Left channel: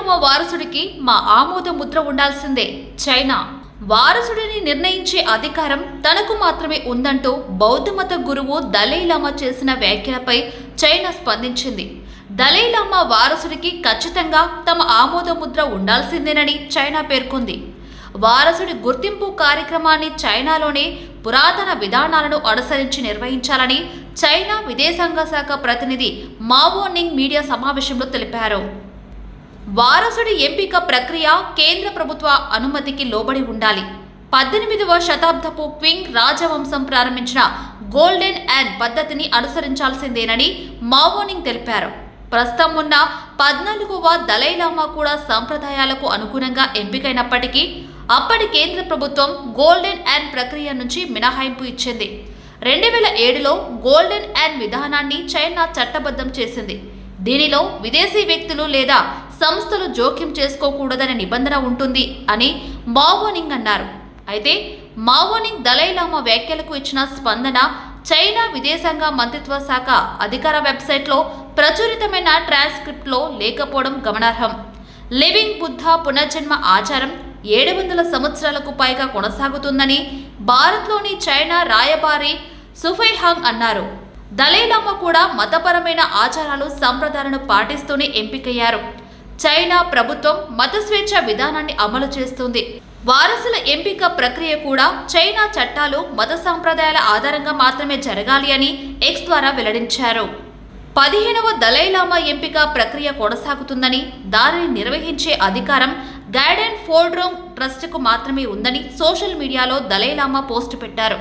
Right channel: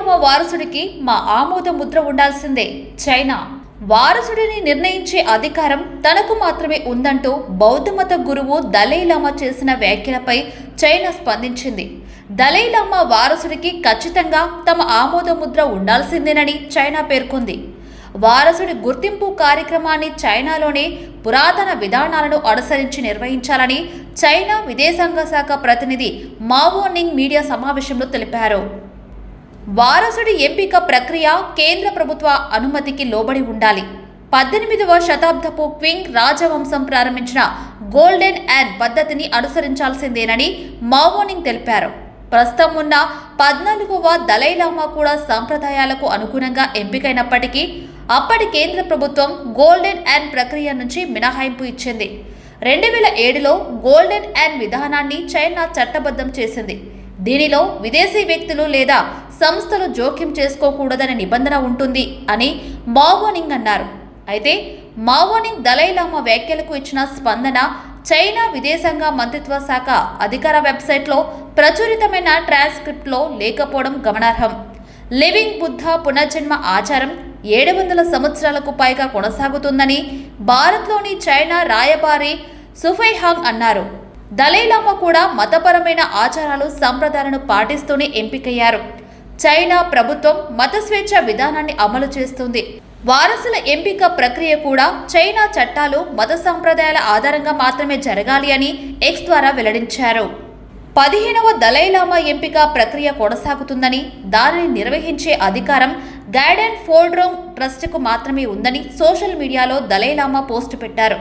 Dalai Lama వారసుడికి మా ఆమోద ముద్ర ఉండాల్సిందే. చైనా వారసుడిని నిర్ణయించే అధికారం తనకు మాత్రమే ఉందంటూ బౌద్ధమత గురువు దలైలామా చేసిన వ్యాఖ్యలపై చైనా స్పందించింది. దలైలామా వారసుడికి ఖచ్చితంగా తమ ఆమోద ముద్ర ఉండాల్సిందేనని చైనా పేర్కొంది. వారసుడి గుర్తింపు కార్యక్రమాన్ని చైనాలోనే పురాతన విధానాలను అనుసరించి నిర్వహించాలని చైనా విదేశాంగ శాఖ ప్రతినిధి మావో నింగ్ మీడియా సమావేశంలో తెలిపారు. వారసుడి ఎంపిక ప్రక్రియ కేంద్ర ప్రభుత్వ అనుమతికి లోబడి ఉండాలి. 18వ శతాబ్దపు క్వింగ్ రాజవంశం ప్రారంభించిన గోల్డెన్ యాన్ పద్ధతిని అనుసరించాల్సిందేనని మావో నింగ్ తెలిపారు. ప్రస్తుతం ఉన్న 14వ దలైలామా కూడా సంప్రదాయాలకు అనుగుణంగా ఎంపికైనప్పటికీ అప్పటి కేంద్ర ప్రభుత్వం గోల్డెన్ యాన్ ప్రక్రియ నుంచి మినహాయింపు ఇచ్చింది. 2007లో గోల్డెన్ యాన్ విధానాన్ని చైనా చట్టబద్ధం చేసింది. దీనిలో విదేశీ వ్యక్తులు లేదా సంస్థలు జోక్యం చేసుకోకూడదనే నిబంధన ఉంటుంది అని మావో నింగ్ అన్నారు. అయితే మావో నింగ్ దలైలామా వ్యాఖ్యలకు ఇచ్చిన స్పందన చైనా విదేశాంగ మంత్రిత్వ శాఖ అధికార వెబ్సైట్లో ప్రచురితమైన ట్రాన్స్క్రిప్ట్లో లేకపోవడం గమనార్హం. లివింగ్ బుద్ధ పునర్జన్మ ఆచారం 700 సంవత్సరాలకు పైగా కొనసాగుతుందని భారత్లోని చైనా రాయబారి సుఫైహాంగ్ అన్నారు. దలైలామా కూడా మతపరమైన ఆచారాలు సంప్రదాయాలను పాటిస్తూనే ఎంపికయ్యారు. చైనా ప్రభుత్వం మత స్వేచ్ఛ విధానాన్ని అమలు చేస్తుంది. వారసుల ఎంపిక ప్రక్రియ కూడా చైనా చట్టాలు మత సంప్రదాయాల ఆధారంగా మాత్రమే జరగాలి అని ఎక్స్ ద్వారా వెల్లడించారు. 15వ దలైలామా ఎంపిక ప్రక్రియ కొనసాగుతుందని, దానిని నిర్వహించే అధికారం గైడెన్ ఫోల్డ్రోంగ్ ట్రస్ట్కు మాత్రమే ఉందని సోషల్ మీడియాలో దలైలామా పోస్టు పెట్టారు.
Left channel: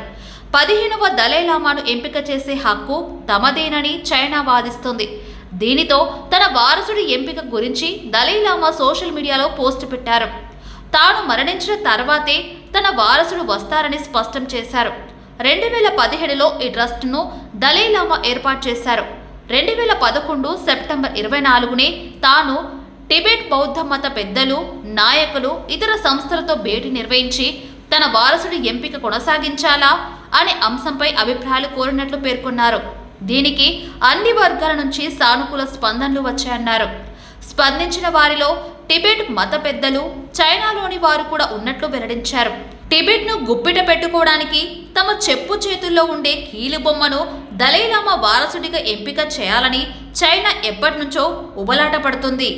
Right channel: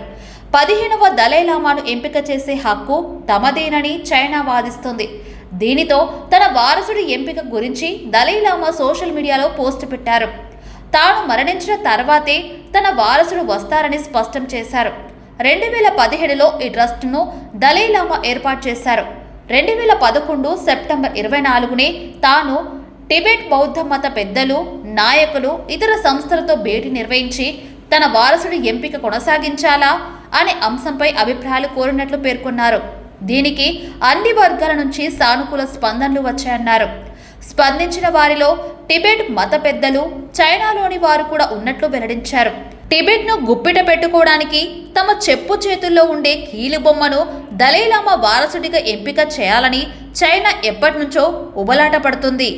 15వ దలైలామాను ఎంపిక చేసే హక్కు తమదేనని చైనా వాదిస్తుంది. దీనితో తన వారసుడి ఎంపిక గురించి దలైలామా సోషల్ మీడియాలో పోస్టు పెట్టారు. తాను మరణించిన తర్వాతే తన వారసుడు వస్తారని స్పష్టం చేశారు. 2017లో ఈ ట్రస్ట్ను దలైలామా ఏర్పాటు చేశారు. 2011 సెప్టెంబర్ 24నే తాను టిబెట్ బౌద్ధ మత పెద్దలు, నాయకులు, ఇతర సంస్థలతో భేటీ నిర్వహించి తన వారసుడి ఎంపిక కొనసాగించాలా అనే అంశంపై అభిప్రాయాలు కోరినట్లు పేర్కొన్నారు. దీనికి అన్ని వర్గాల నుంచి సానుకూల స్పందనలు వచ్చాయన్నారు. స్పందించిన వారిలో టిబెట్ మత పెద్దలు, చైనాలోని వారు కూడా ఉన్నట్లు వెల్లడించారు. టిబెట్ను గుప్పిట పెట్టుకోవడానికి తమ చెప్పు చేతుల్లో ఉండే కీలుబొమ్మను దలైలామా వారసుడిగా ఎంపిక చేయాలని చైనా ఎప్పటి నుంచో ఉబలాట పడుతుంది.